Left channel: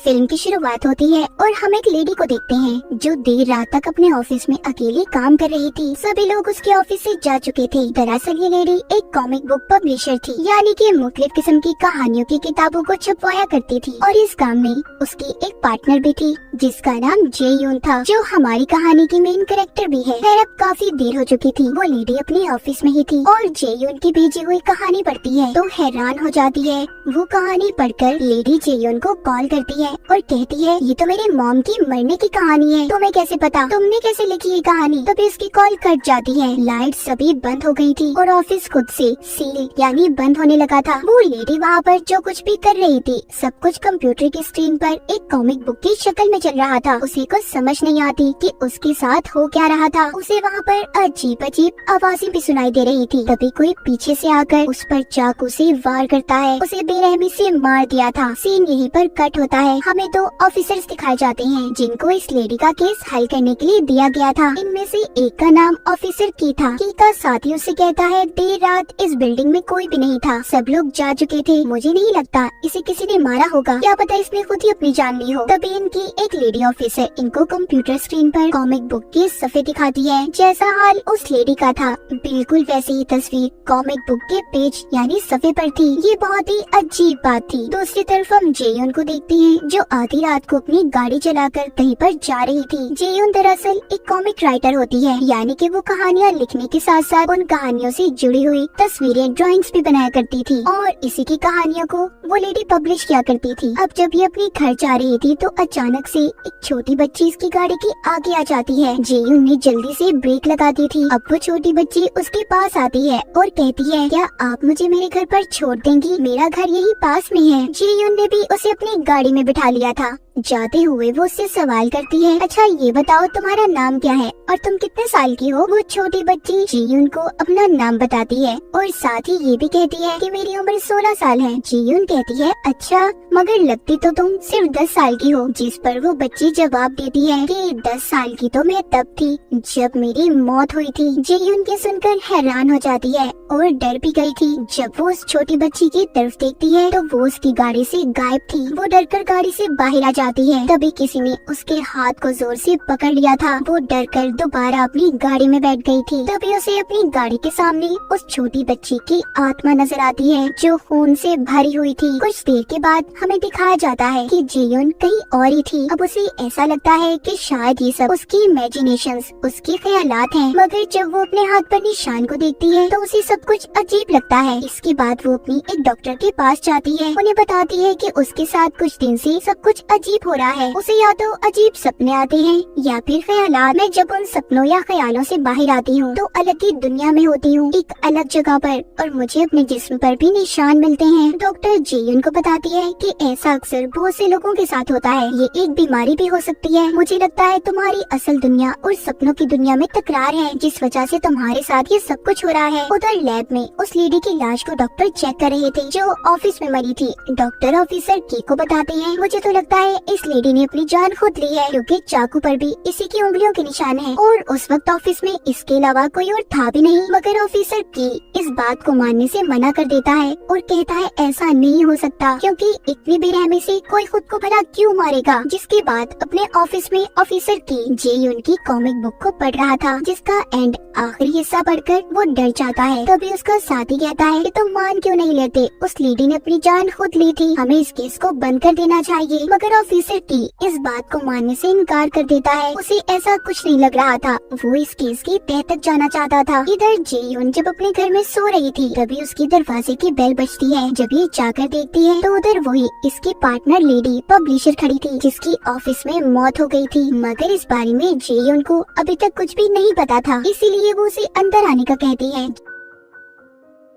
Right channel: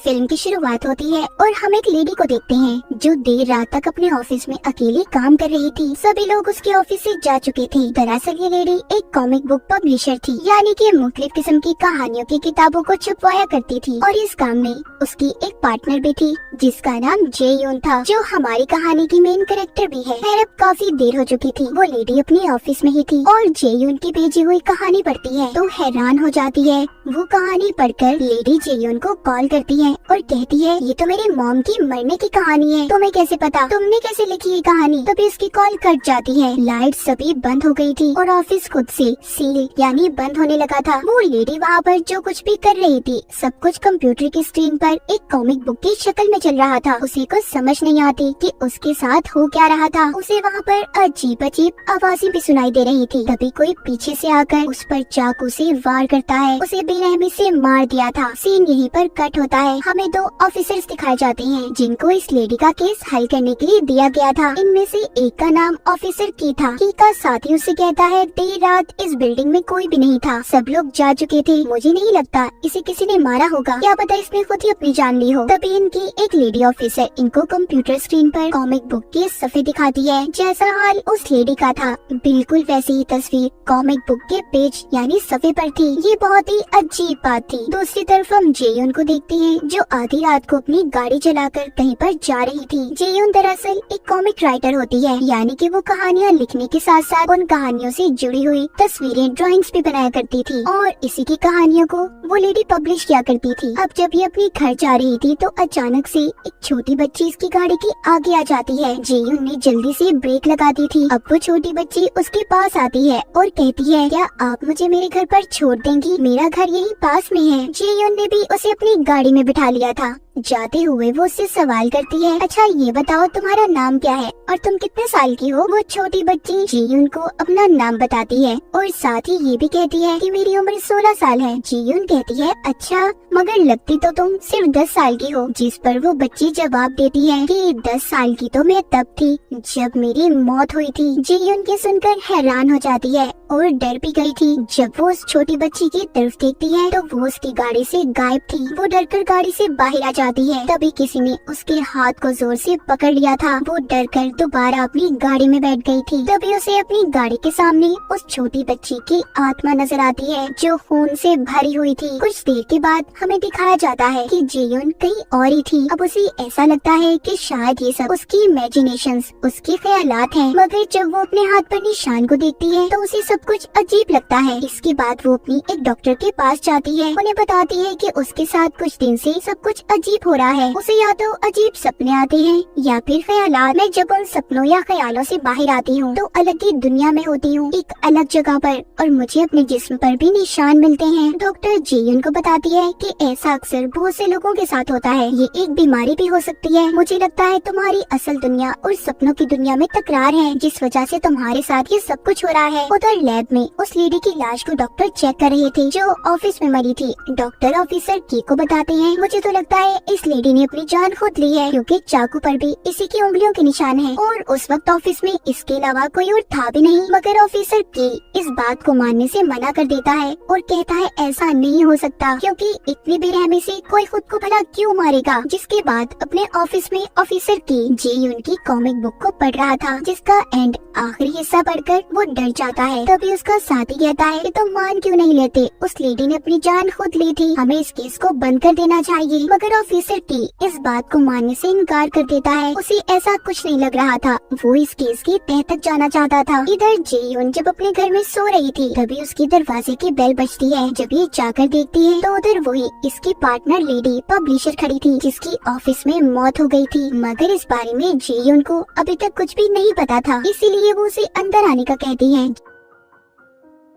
Film की शुरुआत होती है और हम एक लेडी को देखते हैं जो देर रात तक अपने ऑफिस में अकेली काम कर रही थी। सभी लोग उसके ऑफिस से जा चुके थे। दरअसल ये लेडी एक कॉमिक बुक पब्लिशर थी, यानी कि मुख्तलिफ किस्म की कहानियों की किताबों को छपवाया करती थी। और इस काम में उसकी एक पार्टनर भी थी जिसका नाम जे यून था, जो हमारी कहानी की मेन कैरेक्टर भी है। खैर अब काफी देर हो चुकी थी। वो लेडी अपने ऑफिस में ही थी और जे यून की भेजी हुई कहानी पढ़ती है तो हैरान हो जाती है। वो कहानी पढ़कर लेडी जे यून को कॉल करती है और कहती है, ये तो मेरी मॉम की मरने की कहानी है, तुम्हें कैसे पता, तुमने कैसे लिखी ये कहानी। तभी उसकी कॉल कट जाती है। लाइट सभी बंद हो गई थी और ऑफिस खुद से सील यानी बंद होने लगा था। वो लेडी वहाँ पर जो कुछ भी कर रही थी सब कुछ कंप्यूटर की स्क्रीन पर एक कॉमिक बुक की शक्ल में चल रहा था। उसे कुछ समझ नहीं आती कि उसके साथ हो क्या रहा था। उसे वहाँ पर अजीब अजीब आवाजें भी सुनाई दे रही थी। तभी कोई पीछे से आकर उस पर चाकू से वार करता है। उसे बेरहमी से मार दिया था। सीन यहीं पर कट होता है। हमें दो ऑफिसर्स दिखाए जाते हैं जिनको इस लेडी का केस हल करने के लिए दिया गया था। इनमें से एक का नाम ऑफिसर की था। की का साथी उससे कहता है, देर रात इस बिल्डिंग में कोई भी नहीं था, सब लोग जा चुके थे, मुझे नहीं लगता इसे किसी ने मारा होगा, क्या पता इसने खुद ही अपनी जान ली हो। तभी इनकी एक लेडी ऑफिसर इनको कंप्यूटर स्क्रीन पर कॉमिक बुक के सफ़े दिखाती है। जैसा हाल उस लेडी का था बिल्कुल वैसी ही तस्वीर कॉमिक बुक के पेज यानी सफ़े पर थी। ये बहुत ही अजीब बात थी। दूसरी तरफ हम जेयून को देखते हैं जो आधी रात को अपनी गाड़ी चलाकर कहीं पर जा रही थी। जेयून दरअसल एक कॉमिक राइटर होती है, यानी कि वो कहानियाँ लिखने के साथ साथ उन कहानियों से जुड़ी हुई तस्वीरें ड्राइंग्स भी बनाया करती थी और इसी की कहानियों को वो लेडी पब्लिश किया करती थी। अब जब ये अपने घर जा रही थी तो अचानक से एक छोटी बच्ची इसकी गाड़ी के आगे आ जाती है। जेयून ने जल्दी से ब्रेक लगाती थी। अब वो छोटी बच्ची उसके पास आती है और कहती है, क्या आप मुझे मेरे घर पर छोड़ देंगी, मेरा घर यही पास में है। जेयून ने भी उसे अपनी गाड़ी में बिठा लिया था। जाते हुए वो उससे सवाल करती है, अच्छा ये बताओ तुम्हारा नाम क्या है और तुम कितने साल की हो। वो छोटी बच्ची जेयून को अपना नाम बताती है और साथ ही ये भी कहती है कि मेरी उम्र 16 साल है। जेयून कहती है, अच्छा मगर लगती तो तुम सिर्फ 10 साल की हो। जिस पर वो बच्ची जवाब देती है कि 10 साल की तो मैं तब थी जब मेरी मौत हुई थी। जेयून की सुनकर हैरान हो जाती है और डर भी गई थी। जब वो उस छोटी बच्ची की तरफ देखती है तो वो उसकी गाड़ी से गायब थी। वो डरकर गाड़ी से बाहर आ जाती है। तभी किसी ने उसके हाथ को जोर से पकड़ लिया था। वो डरकर दोबारा अपनी गाड़ी में बैठ गई थी। तभी उसे अपनी गाड़ी के सामने उस छोटी बच्ची की आत्मा नजर आती है जो खून से भरी हुई थी। कुछ देर के बाद हमें दिखाया जाता है कि जेयून कहीं और ही थी। अब उसे ऐसा लगता है कि शायद ये सब उसकी इमेजिनेशंस, उसके ख्यालात हैं। मगर जब वो अपने हाथ पर निशान को देखती है तो उसे सब कुछ अजीब लगता है। इसके बाद वो अपनी एक डॉक्टर के पास जाती है। उन्हें बताती है कि उसके साथ कुछ दिन से सब कुछ अजीब हो रहा है। उसे या तो अजीब सपने आते हैं या फिर ख्यालात। मैं जब उन सपनों या ख्यालों से बाहर आती हूँ तो अलग ही दुनिया में होती हूँ, एक अलग जगह पर, और मुझे अपने जिस्म पर भी निशान मिलते हैं। डॉक्टर जेयून को बताती है कि ऐसा अक्सर बहुत से लोगों के साथ होता है, ये एक बीमारी भी हो सकती है। मुझे लगता है तुम्हारी असल दुनिया और सपनों की दुनिया में तकरार है, जिस वजह से तुम्हारे साथ ये सब कुछ हो रहा है। उधर लैब में उस लेडी की लाश को डॉक्टर चेक कर रहे थे जो ऑफिस में मरी थी। डॉक्टर ऑफिसर की को बताते हैं, मुझे तो लगता है इस लेडी ने अपनी जान खुद ली है क्योंकि चाकू पर भी इसी की उंगलियों के निशान हैं। और उस वक्त ऑफिस में इसके अलावा कोई और था भी नहीं। मगर ऑफिसर की इस बात को मानने से मना कर देता है और कहता है ऐसा नहीं हो सकता क्योंकि इतनी बेरहमी से कोई खुद को भला क्यों मारेगा। जिसके बाद अपने ऑफिस में ऑफिसर की जेयून की कॉमिक बुक को पढ़ रहा था जिसका एंड आखिरी हिस्सा पढ़कर वो डर जाता है। तभी उसका साथी कहता है कि तुम मान क्यों नहीं लेते, उस लेडी ने अपनी जान खुद ली थी, हमें इस केस को बंद कर देना चाहिए। मगर ऑफिसर की इस बात को मानने से इनकार कर देता है। उसे ऐसा कुछ नहीं लग रहा था, वो इस केस की तह तक जाना चाहता था। इधर जेयून जब अपने घर में सो रही थी तभी उसकी दरवाजे की बेल बजती है। जब ये जाकर देखती है तो उधर वही इसकी पार्टनर लेडी पब्लिशर खड़ी थी जिसकी ऑफिस में मौत हो गई थी। मगर इस बारे में जेयून को अभी तक कुछ भी नहीं पता था, इसीलिए वो उसे अंदर आने का कहती है।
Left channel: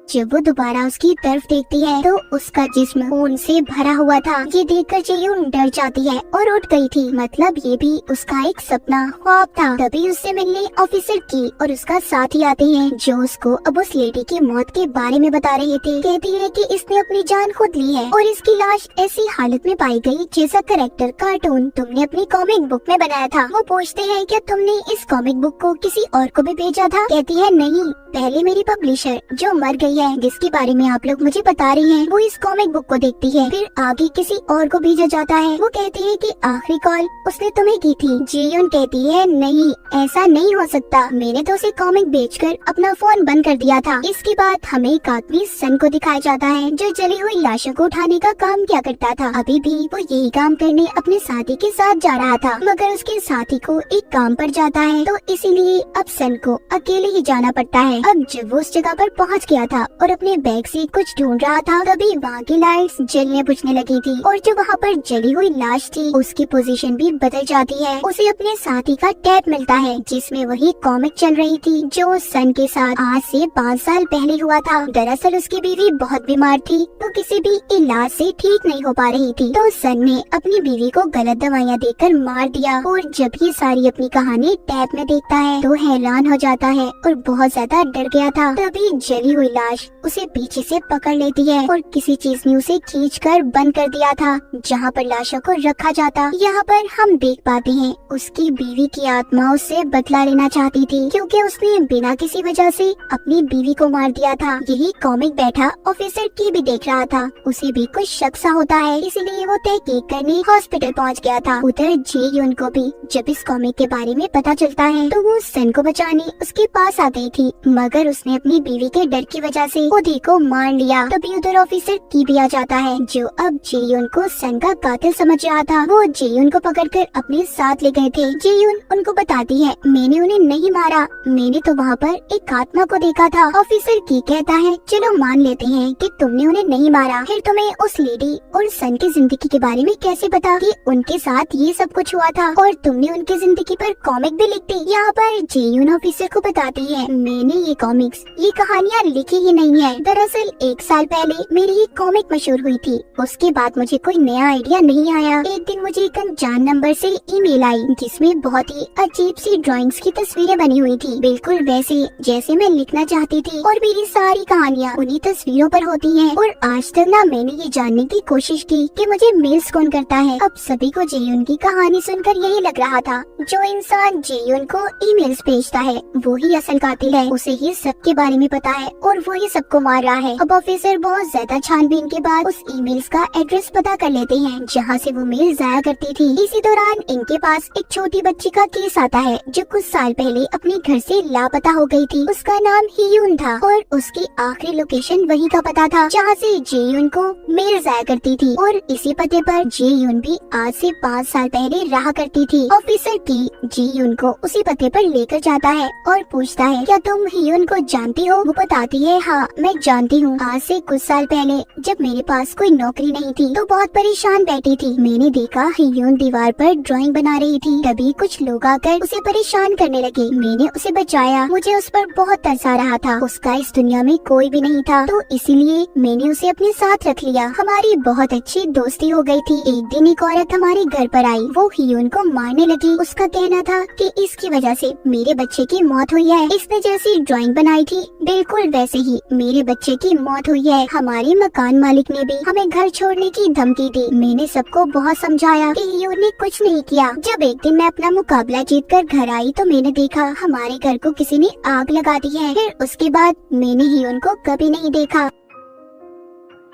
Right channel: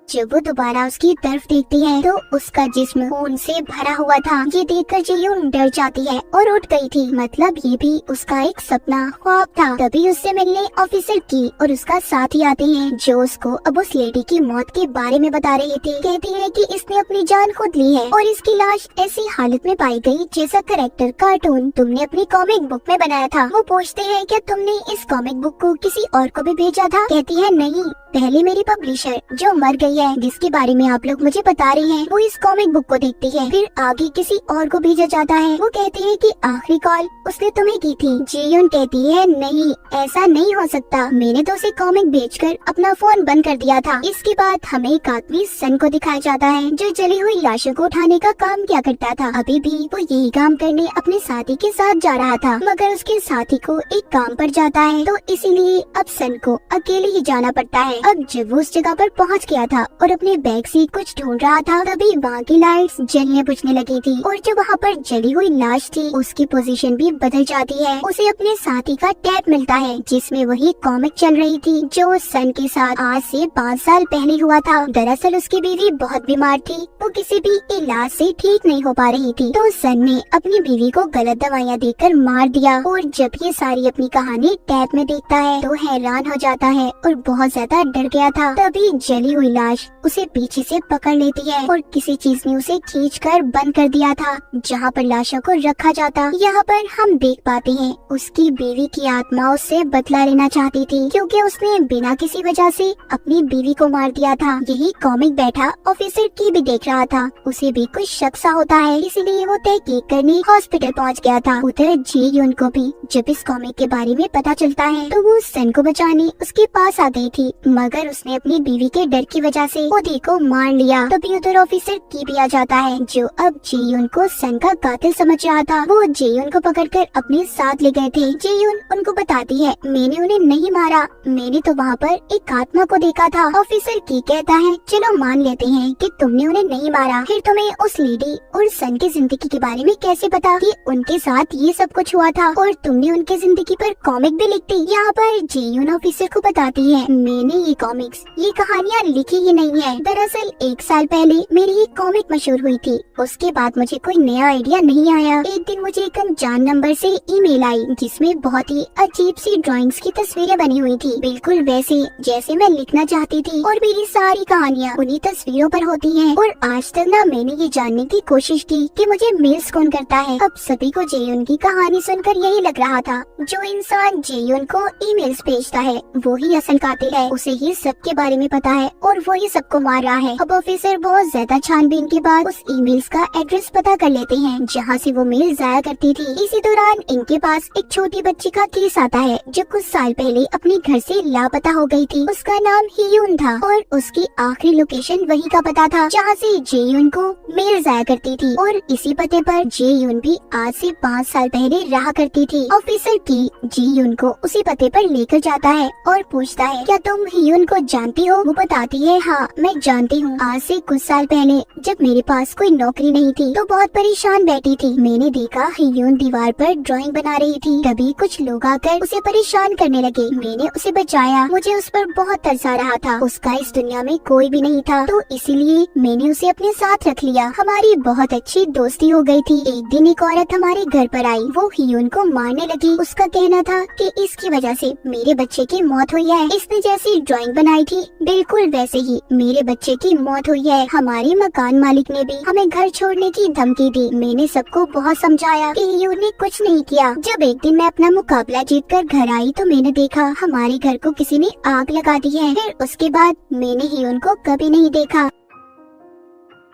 जब वो दोबारा उसकी तरफ देखती है तो उसका जिस्म खून से भरा हुआ था। ये देखकर जेयून डर जाती है और उठ गई थी, मतलब ये भी उसका एक सपना ख्वाब था। तभी उससे मिलने ऑफिसर की और उसका साथी आते हैं जो उसको अब उस लेडी की मौत के बारे में बता रहे थे। कहती है कि इसने अपनी जान खुद ली है और इसकी लाश ऐसी हालत में पाई गई जैसा कैरेक्टर कार्टून तुमने अपनी कॉमिक बुक में बनाया था। वो पूछते हैं क्या तुमने इस कॉमिक बुक को किसी और को भी भेजा था। कहती है नहीं, पहले मेरी पब्लिशर जो मर गई गई है जिसके बारे में आप लोग मुझे बता रही हैं, वो इस कॉमिक बुक को देखती है। फिर आगे किसी और को भेजा जाता है। वो कहती है कि आखिरी कॉल उसने तुम्हें की थी। जीयून कहती है नहीं, ऐसा नहीं हो सकता, मैंने तो उसे कॉमिक बेचकर अपना फोन बंद कर दिया था। इसके बाद हमें एक आदमी सन को दिखाया जाता है जो जली हुई लाशों को उठाने का काम किया करता था। अभी भी वो यही काम करने अपने साथी के साथ जा रहा था, मगर उसके साथी को एक काम पड़ जाता है, तो इसीलिए अब सन को अकेले ही जाना पड़ता है। अब जब वो उस जगह पर पहुंच गया था और अपने बैग से कुछ ढूंढ रहा था, तभी वहाँ की लाइट्स जलने बुझने लगी थी और जो वहाँ पर जली हुई लाश थी उसकी पोजीशन भी बदल जाती है। उसे अपने साथी का टैब मिलता है जिसमें वही कॉमिक चल रही थी जो सन के साथ आज से 5 साल पहले हुआ था। दरअसल उसकी बीवी बहुत बीमार थी, वो किसी भी इलाज से ठीक नहीं हो पा रही थी, तो सन ने अपनी बीवी को गलत दवाइयाँ देकर मार दिया। और जब ये सारी अपनी कहानी टैब में देखता है तो हैरान हो जाता है और बहुत ज्यादा डर गया था। तभी जली हुई लाश उसे पीछे से पकड़ लेती है और किसी चीज ने उसे खींचकर बंद कर दिया था जहाँ पर लाशों को रखा जाता। यहाँ पर हम देख पाते हैं उसकी बीवी की आत्मा उससे बदला लेना चाहती थी क्योंकि उसने बिना किसी वजह से अपनी बीवी को मार दिया था। यही कॉमिक बैठा ऑफिसर की भी देख रहा था, उसे भी कुछ शक सा होता है, इसीलिए वो तहकीक करने हॉस्पिटल पहुंच गया था। उधर जीयून को भी जब इस कॉमिक के बारे में पता चलता है तो वो सन को बचाने उसके पास आ गई थी, मगर उसने अपनी बीवी के डर की वजह से खुद ही को मार लिया। तभी उधर ऑफिसर की भी आ जाता है जो अब जीयून को सन का कातिल समझ रहा था। वो जीयून को पकड़कर अपने साथ ले गए थे। जीयून उनको बताती है मैंने उन्हें नहीं मारा, मैंने तो वहाँ पर एक आत्मा को देखा था। ऑफिसर की कहता है चलो मान लेते हैं कि तुमने उन्हें नहीं मारा, फिर तुम्हें उस लेडी और सन की जिंदगी के बारे में कैसे पता कि उनके साथ ये सब कुछ हुआ था और तुमने उनकी जिंदगी पर कॉमिक भी लिख दी। यहाँ पर जीयून ऑफिसर को बताती है मैंने ये कॉमिक्स, ये कहानियाँ लिखी ही नहीं है। दरअसल 1 साल पहले मेरी एक कॉमिक मशहूर हुई थी, उसके बाद मुझे कोई नया आइडिया नहीं आया। एक दिन मुझे एक अनजान नंबर से ईमेल आई जिसमें बहुत ही अजीब सी ड्राइंग्स की तस्वीरें बनी हुई थी, बिल्कुल वैसे जैसे मैं लिखना चाहती थी और मेरी सारी कहानियाँ उन्हीं तस्वीरों पर होती हैं। और आज तक ना मैंने ये जानने की कोशिश की कि मुझे मेल्स कौन करता है। अब सभी को जेयून की कहानी सुनकर यही लग रहा था जो इंसान जेयून को ईमेल्स भेजता है वो ही असल कातिल है, उसे ही सबके बारे में पता है और वो ही सबको मार रहा है। अब ऑफिसर बहुत ज्यादा छानबीन के बाद उस ईमेल्स का एड्रेस पता कर लेते हैं जहाँ से वो मेल जाया करती थी। इसी दौरान इनके पास एक छोटी बच्ची का केस आता है जो कुछ साल पहले अपने घर से लापता हो गई थी। उसका नाम हियून था और उसकी आखिरी लोकेशन वहीं का पता था जहाँ से जेयून को मेल जाया करती थी और इसी पते पर जेयून भी आज से 5 साल पहले रहा करती थी। ऑफिसर की जेयून को उसी पते पर लेकर जाता है और पूछता है क्या तुम हियून को जानती हो? वो बताती है हाँ मैं जानती हूँ। आज से कुछ साल पहले जब मेरे पास कोई नौकरी नहीं थी तो बहुत परेशान बैठी थी, मैंने देखा हियून दीवार पर ड्राइंग बना रही थी। तभी कुछ लोग आकर उसे परेशान करने लगे, मैंने उसे बचाया, मुझे उस पर बहुत तरस आ रहा था, उसका इस दुनिया में कोई भी नहीं था तो इसीलिए मैंने उसे अपने साथ रख लिया। हमारी बहुत अच्छी दोस्ती हो गई थी। एक दिन एक औरत हमारे घर पर आई, वो हियून को मारने लगी। उसका कहना था कि इसकी वजह से मेरे बच्चे की मौत हुई है, इसने जैसी ड्राइंग बनाई थी बिल्कुल वैसे ही मेरे बच्चे की मौत हुई है। हमारे मकान मालिक ने भी हमें घर छोड़ने की धमकी दी। मैंने सबको बहुत समझाया कि हियून ने कुछ नहीं किया। जब एक दिन मैं अपना मुकाबला जीत कर घर आई तो मैंने देखा हमारे घर को किसी ने आग लगा दी है। फिर उसके बाद मैंने हियून को कभी नहीं देखा।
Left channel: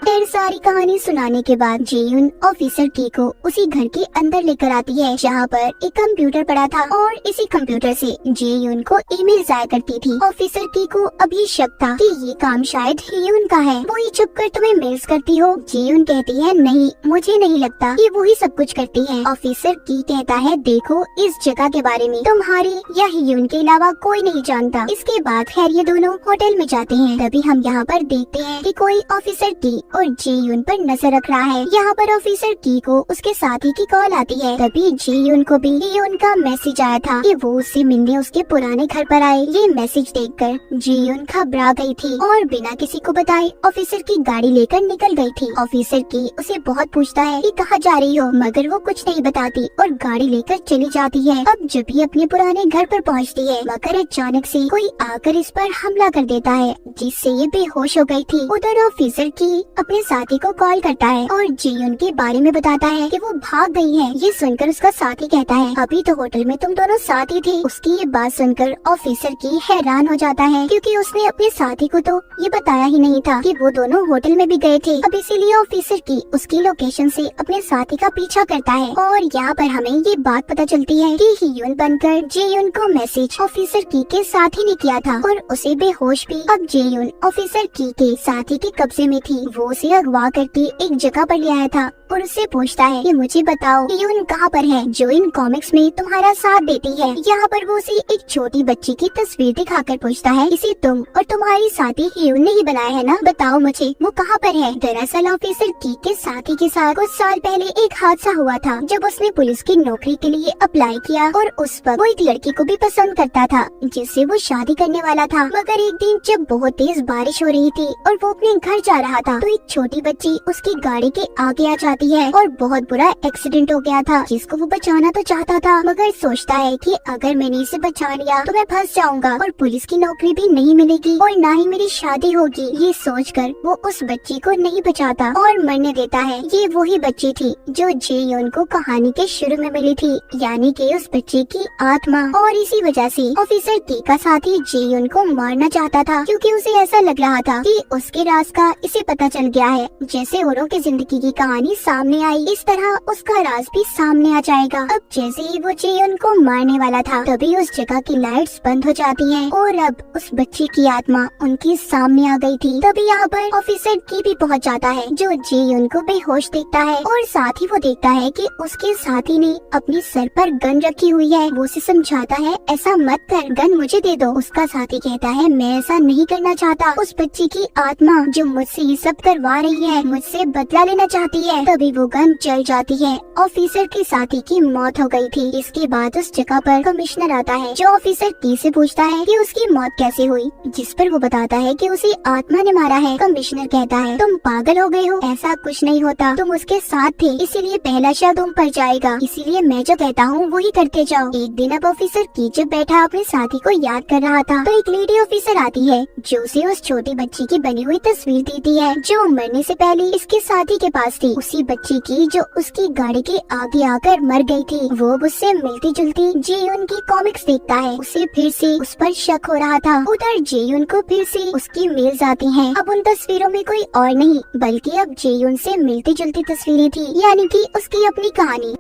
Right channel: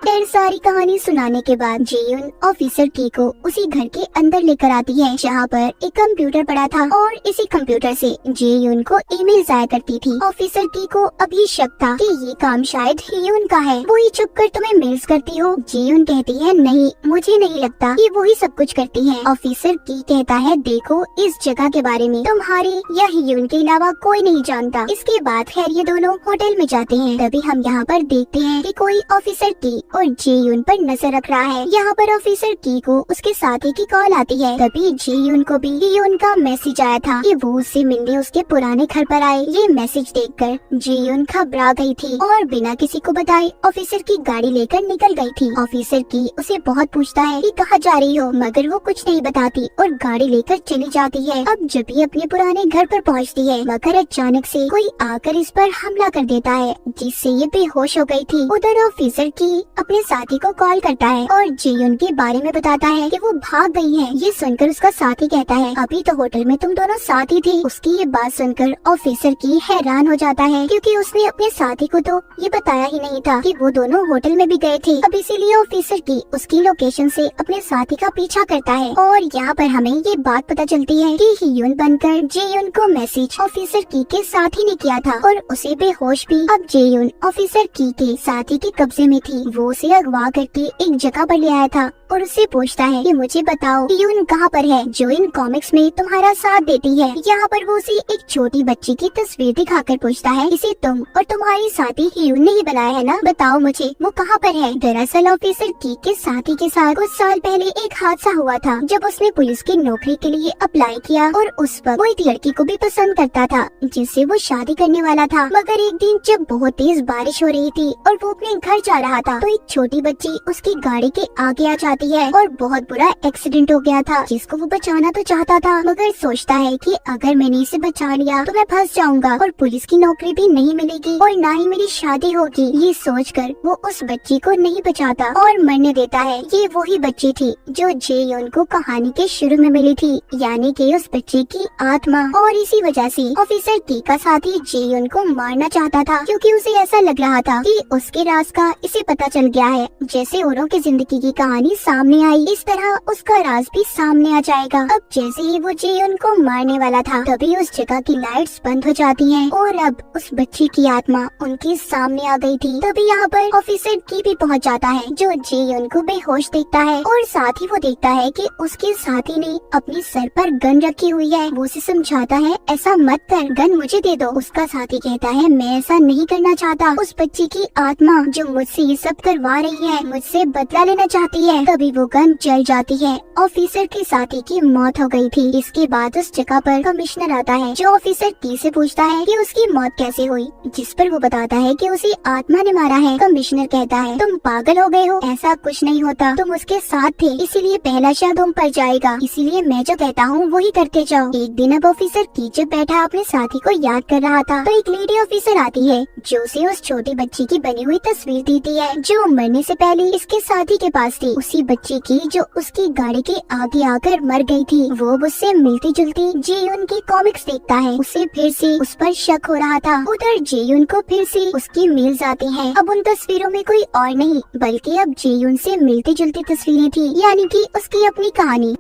फिर सारी कहानी सुनाने के बाद जेयून ऑफिसर की को उसी घर के अंदर लेकर आती है जहाँ पर एक कंप्यूटर पड़ा था और इसी कंप्यूटर से जेयून को ईमेल जाया करती थी। ऑफिसर की को अभी शक था कि ये काम शायद हियून का है, वो ही चुप कर तुम्हें मेल्स करती हो। जेयून कहती है नहीं, मुझे नहीं लगता कि वो ही सब कुछ करती है। ऑफिसर की कहता है देखो इस जगह के बारे में तुम्हारी या हियून के अलावा कोई नहीं जानता। इसके बाद खैर ये दोनों होटल में जाते हैं। तभी हम यहाँ पर देखते हैं कि कोई ऑफिसर की और जेयून पर नजर रख रहा है। यहाँ पर ऑफिसर की को उसके साथी की कॉल आती है। तभी जेयून को भी हियून का मैसेज आया था कि वो उससे मिलने उसके पुराने घर पर आए। ये मैसेज देखकर जेयून घबरा गई थी और बिना किसी को बताए ऑफिसर की गाड़ी लेकर निकल गई थी। ऑफिसर की उसे बहुत पूछता है कि कहाँ जा रही हो, मगर वो कुछ नहीं बताती और गाड़ी लेकर चली जाती है। अब जब ये अपने पुराने घर पर पहुँचती है मगर अचानक से कोई आकर इस पर हमला कर देता है जिससे ये बेहोश हो गई थी। उधर ऑफिसर की अपने साथी को कॉल करता है और जेयुन के बारे में बताता है कि वो भाग गई है। ये सुनकर उसका साथी कहता है अभी तो होटल में तुम दोनों साथ ही थे। उसकी ये बात सुनकर ऑफिसर की हैरान हो जाता है क्योंकि उसने अपने साथी को तो ये बताया ही नहीं था कि वो दोनों होटल में भी गए थे। अब इसीलिए ऑफिसर की उसकी लोकेशन से अपने साथी का पीछा करता है और यहाँ पर हमें ये बात पता चलती है कि हियुन बनकर जेयुन को मैसेज ऑफिसर की के साथी ने किया था और उसे बेहोश भी। अब जेयुन ऑफिसर की के साथी के कब्जे में थी। वो उसे अगवा करके एक जगह पर ले आया था और उससे पूछता है कि मुझे बताओ हियुन कहाँ पर है जो इन कॉमिक्स में तुम्हारा साथ देती है। यहाँ पर वो उसे एक छोटी बच्ची की तस्वीर दिखाकर पूछता है इसे तुम और तुम्हारी साथी हियुन ने ही बनाया है ना, बताओ मुझे वो कहाँ पर है। दरअसल ऑफिसर की के साथी के साथ कुछ साल पहले एक हादसा हुआ था जब उसने पुलिस की नौकरी के लिए अप्लाई किया और उस वक्त वो एक लड़की को भी पसंद करता था जिससे वो शादी करने वाला था। मगर एक दिन जब बहुत तेज बारिश हो रही थी और वो अपने घर जा रहा था तो एक छोटी बच्ची उसकी गाड़ी के आगे आ जाती है और बहुत बुरा एक्सीडेंट हो गया था जिसको वो बचाना तो चाहता था मगर सोचता है कि अगर मैंने इसे बचा लिया तो मैं फंस जाऊंगा और पुलिस की नौकरी भी नहीं मिलेगी और ना ही मेरी शादी होगी। ये सोचकर वो उस बच्ची को नहीं बचाता और मरने देता है। ये वही बच्ची थी जो जेयुन को कहानी के शुरू में मिली थी, यानी कि उस बच्चे की आत्मा। और इसी वजह से ऑफिसर की का साथी जेयुन को मारना चाहता था क्योंकि उसे ऐसा लग रहा था कि उसके राज का इसे पता चल गया है। जैसे औरों की जिंदगी की कहानी सामने आई इस तरह उसका राज भी सामने आ जाएगा। अब जैसे ही वो जेयुन को मारने वाला था तभी उस जगह की लाइट्स बंद हो जाती हैं और अब उस बच्ची की आत्मा उनके सामने आ गई थी। तभी यहाँ पर ऑफिसर की भी पहुँच जाता है जो जेयुन को बेहोश देखता है और साथ ही वो देखता है कि उसके साथी ने अपने सर पर गन रखी हुई है। वो उसे समझाता है ऐसा मत कर, गन मुझे दे दो। उसका साथी कहता है मैं ऐसा नहीं करना चाहता। उस बच्ची की आत्मा जो मुझसे ये सब करवा रही है मुझसे बदला लेना चाहती है। तभी वो गन जल जाती है। ऑफिसर के साथी की मौत हो गई थी। इसके बाद उस जगह पर कमिश्नर आता है जो ऑफिसर की से पूछता है कि उसकी मौत कैसे हुई, जिस पर वो बताता है कि उसे आत्मा ने मारा है। कमिश्नर कहता है तुम पागल हो गए हो, ऐसा कुछ नहीं होता, तुम उसके साथ थे इसीलिए पहला शब्द तुम पर जाएगा, इसीलिए मैं जो कहता हूँ वही करते जाओ। एक दिन अब ऑफिसर की जब बैठा अपने साथी को याद कर रहा था तो एक लेडी ऑफिसर आती है जो उसे उस छोटी बच्ची की बनी हुई तस्वीर देती है जो मरने से पहले इसके साथी के पास थी। उसी बच्ची की जो उसकी गाड़ी के आगे आकर मर गई थी। वो उससे मिलती जुलती जेयुन की कॉमिक्स देखता है। उसे फिर से उस पर शक हो रहा था। उधर जेयुन को फिर से उसकी मेल्स आती हैं। अब उन तस्वीरों में कोई और नहीं बल्कि अब जेयुन से मिलती जुलती तस्वीरें थी, यानी कि उसकी अपनी कहानी।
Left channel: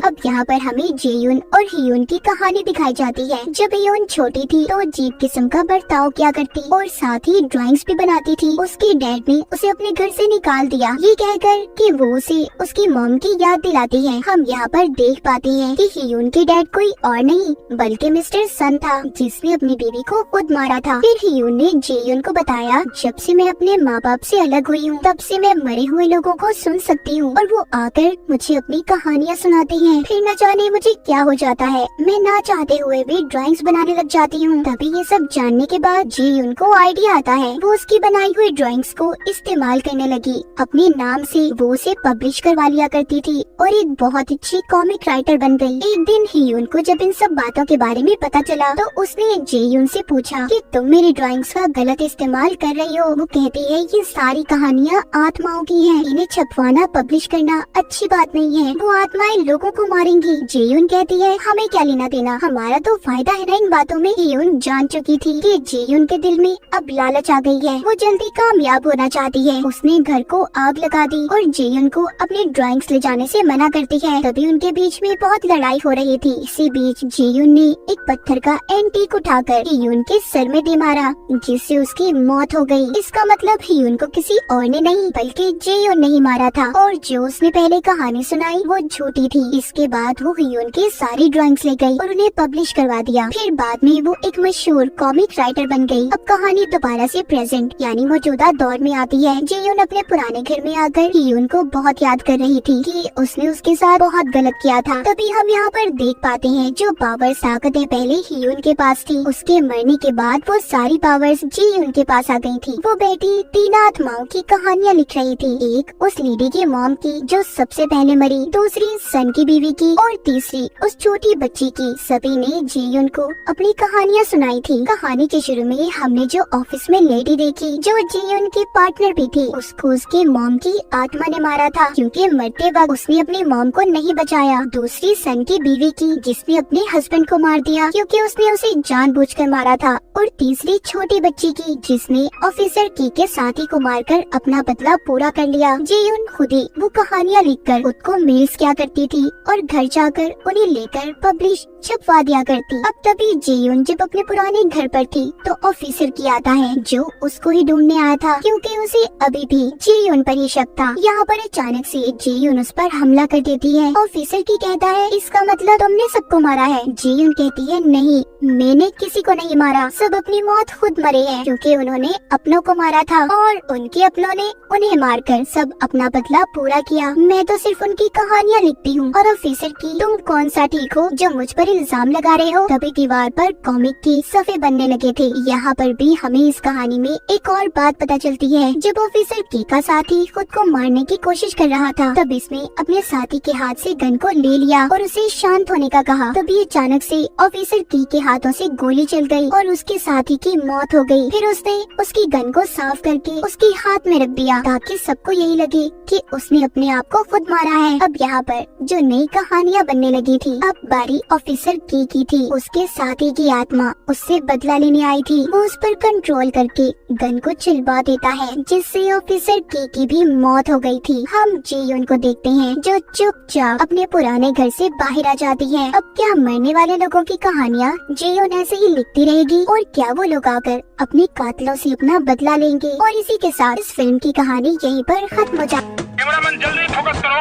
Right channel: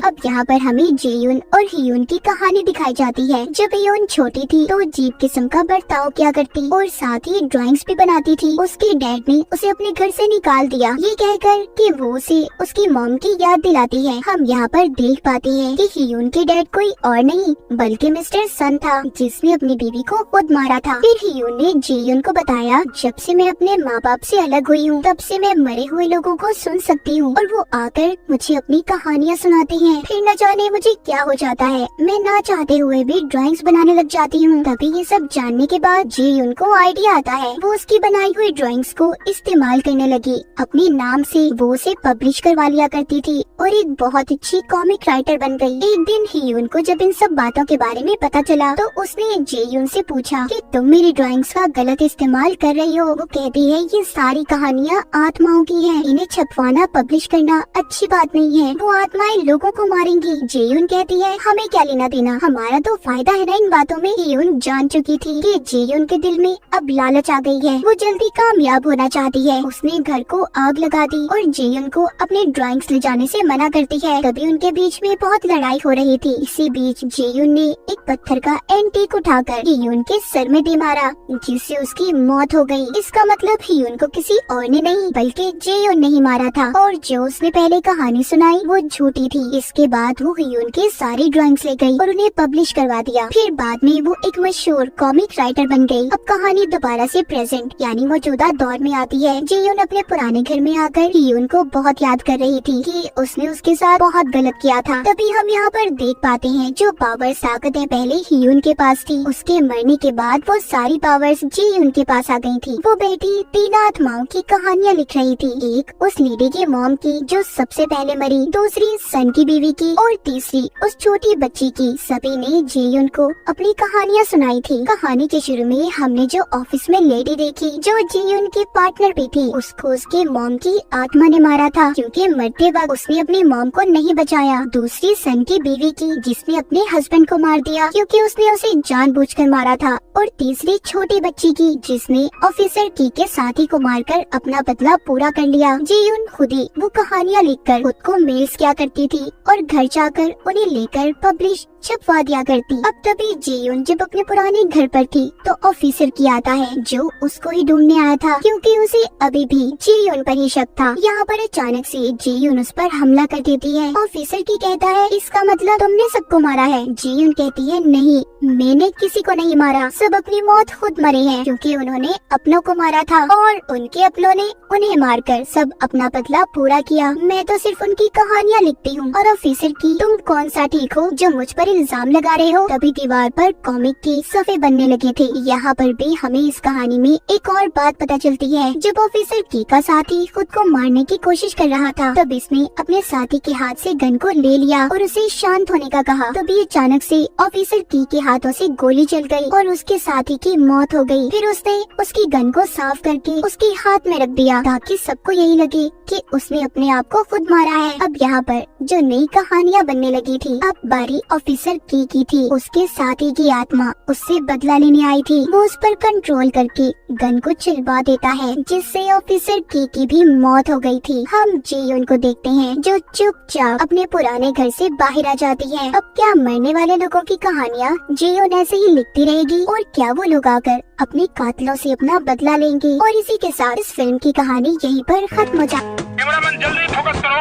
अब यहाँ पर हमें जेयुन और हियुन की कहानी दिखाई जाती है। जब हियुन छोटी थी तो अजीब किस्म का बर्ताव किया करती और साथ ही ड्राइंग्स भी बनाती थी। उसके डैड ने उसे अपने घर से निकाल दिया ये कहकर कि वो उसे उसकी मॉम की याद दिलाती है। हम यहाँ पर देख पाते हैं कि हियुन के डैड कोई और नहीं बल्कि मिस्टर सन था जिसने अपनी बीवी को खुद मारा था। फिर हियुन ने जेयुन को बताया जब से मैं अपने माँ बाप से अलग हुई हूँ तब से मैं मरे हुए लोगों को सुन सकती हूँ और वो आकर मुझे अपनी कहानियाँ सुनाती हैं। फिर न जाने मुझे क्या हो जाता है, मैं ना चाहते हुए भी ड्राइंग्स बनाने लग जाती हूँ। तभी ये सब जानने के बाद जेयुन को आइडिया आता है। वो उसकी बनाई हुई ड्राइंग्स को इस्तेमाल करने लगी। अपने नाम से वो उसे पब्लिश करवा लिया करती थी और एक बहुत अच्छी कॉमिक राइटर बन गई। एक दिन हियुन को जब इन सब बातों के बारे में पता चला तो उसने जेयुन से पूछा कि तुम मेरी ड्राइंग्स का गलत इस्तेमाल कर रही हो। वो कहती है ये सारी कहानियाँ आत्माओं की है, इन्हें छपवाना पब्लिश करना अच्छी बात नहीं है, वो आत्माएं लोगों को मारेंगी। जेयुन कहती है हमें क्या लेना देना, हमारा तो फायदा है ना इन बातों में। हियुन जान चुकी थी कि जेयुन के दिल में अब लालच आ गई है, वो जल्दी कामयाब होना चाहती है। उसने घर को आग लगा दी और जेयुन को अपने ड्राइंग्स ले जाने से मना करती है। तभी उनके बीच में बहुत लड़ाई हो रही थी। इसी बीच जेयुन ने एक पत्थर का एंटीक उठाकर हियुन के सर में दे मारा जिससे उसकी मौत हो गई। इसका मतलब हियुन को किसी और ने नहीं बल्कि जेयुन ने ही मारा था और जो उसने पहले कहानी सुनाई वो झूठी थी। इसके बाद वो हियुन की सारी ड्राइंग्स ले गई और उन्हें पब्लिश करवा दिया। फिर बाद में वो एक मशहूर कॉमिक राइटर बन गई। अब कहानी दोबारा से प्रेजेंट यानी मौजूदा दौर में आती है। जेयुन अपने पुराने घर में आकर हियुन को बहुत याद कर रही थी कि उसने उसके साथ बहुत गलत किया था। तभी हम यहाँ पर देख पाते हैं जो पावर्स ताकतें पहले हियुन के पास थी उसके मरने के बाद वो सारी पावर्स जेयुन के पास आ गई थी। वो बेटी तीन आत्माओं की कहानियाँ लिख रही थी। एक उस लेडी की मॉम की जो सबसे पहले मरी, दूसरी सन की बीवी बीवी की और तीसरी उस छोटी बच्ची की। सभी ने जीयुन को अपनी कहानियाँ सुनाई थी। कहानी के शुरू में हमने जो ऑफिस में लेडी देखी जो जीयुन की पार्टनर भी थी, उसको उसकी मॉम की आत्मा ने मारा था क्योंकि मरते वक्त उसने अपनी मॉम को नहीं बचाया। दूसरी सन की बीवी की जिसने अपने हस्बैंड को मार दिया क्योंकि उसने उसे जानबूझकर मारा था। और तीसरी छोटी बच्ची की जिसने ऑफिसर की के साथी को मारकर अपना बदला पूरा कर लिया। जीयुन खुद ही वो कहानियाँ लिखकर खुद को मेल्स किया करती थी और घर जाकर उन्हें लेकर पब्लिश छपवा दिया करती। अब तभी जीयुन जब अपने पुराने घर पर थी तो ऑफिसर की आता है जो उसको ही ढूंढने आया था क्योंकि उसे अभी भी जीयुन पर ही शक था। यहाँ पर अचानक से जीयुन उस पर हमला कर देती है। ऑफिसर की कहता है इसका मतलब तुमने सबको मारा है। जीयुन कहती है नहीं, मैंने किसी को नहीं मारा, सब अपनी मौत खुद मरे हैं क्योंकि उन्होंने अपनों को मारा था और उनके अपनों ने उन्हें मारकर सब अपना बदला पूरा किया। मैं तो सिर्फ उनकी कहानियाँ लिखती हूँ। और ऑफिसर की तुम कौन सा ठीक हो जो मुझ पर इल्जाम लगा रहे हो। तभी दीवार पर कॉमिक के सफ़े बनने लगे थे। यहाँ पर भी हमें इस कहानी में एक और बात पता चलती है। जब ऑफिसर की का साथी खुद को मारने की कोशिश कर रहा था तब इसने अपने साथी के हाथ से गन को ले लिया और उसे शांत होने का कहा। तभी अचानक से ऑफिसर की के हाथों से गोली चल गई और उसके साथी की मौत हो गई। फिर उसने उसकी गन को साफ करके उसके हाथ में रख दिया ताकि सबको यही लगे कि उसने अपने आप को खुद मारा है। अब यहाँ पर जो नई कहानियाँ बनने लगी थी, अब बारी ऑफिसर की थी। उसके साथी की आत्मा उससे बदला लेने आई थी। वो उस पर कंट्रोल करके गन को चिलवा देता है जिससे ऑफिसर की भी मौत हो गई थी। हम जीयुन को देखते हैं जो चुपचाप अपने पुराने घर से बाहर आ जाती है। अब क्या मरने वाले लोगों की कहानियाँ जीयुन ऐसे ही लिखती रहेगी और क्या वो लोग आकर अपने कातिलों से अपना बदला लेंगे। और इसी के साथ इस फिल्म की कहानी यहीं पर खत्म हो जाती है। कैमरामैन जल्दी फोकस करो।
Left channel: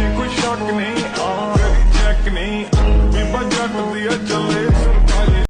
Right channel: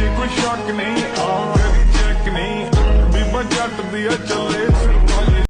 ये कोई शक नहीं, चेक नहीं, बीबा जट दिया चले।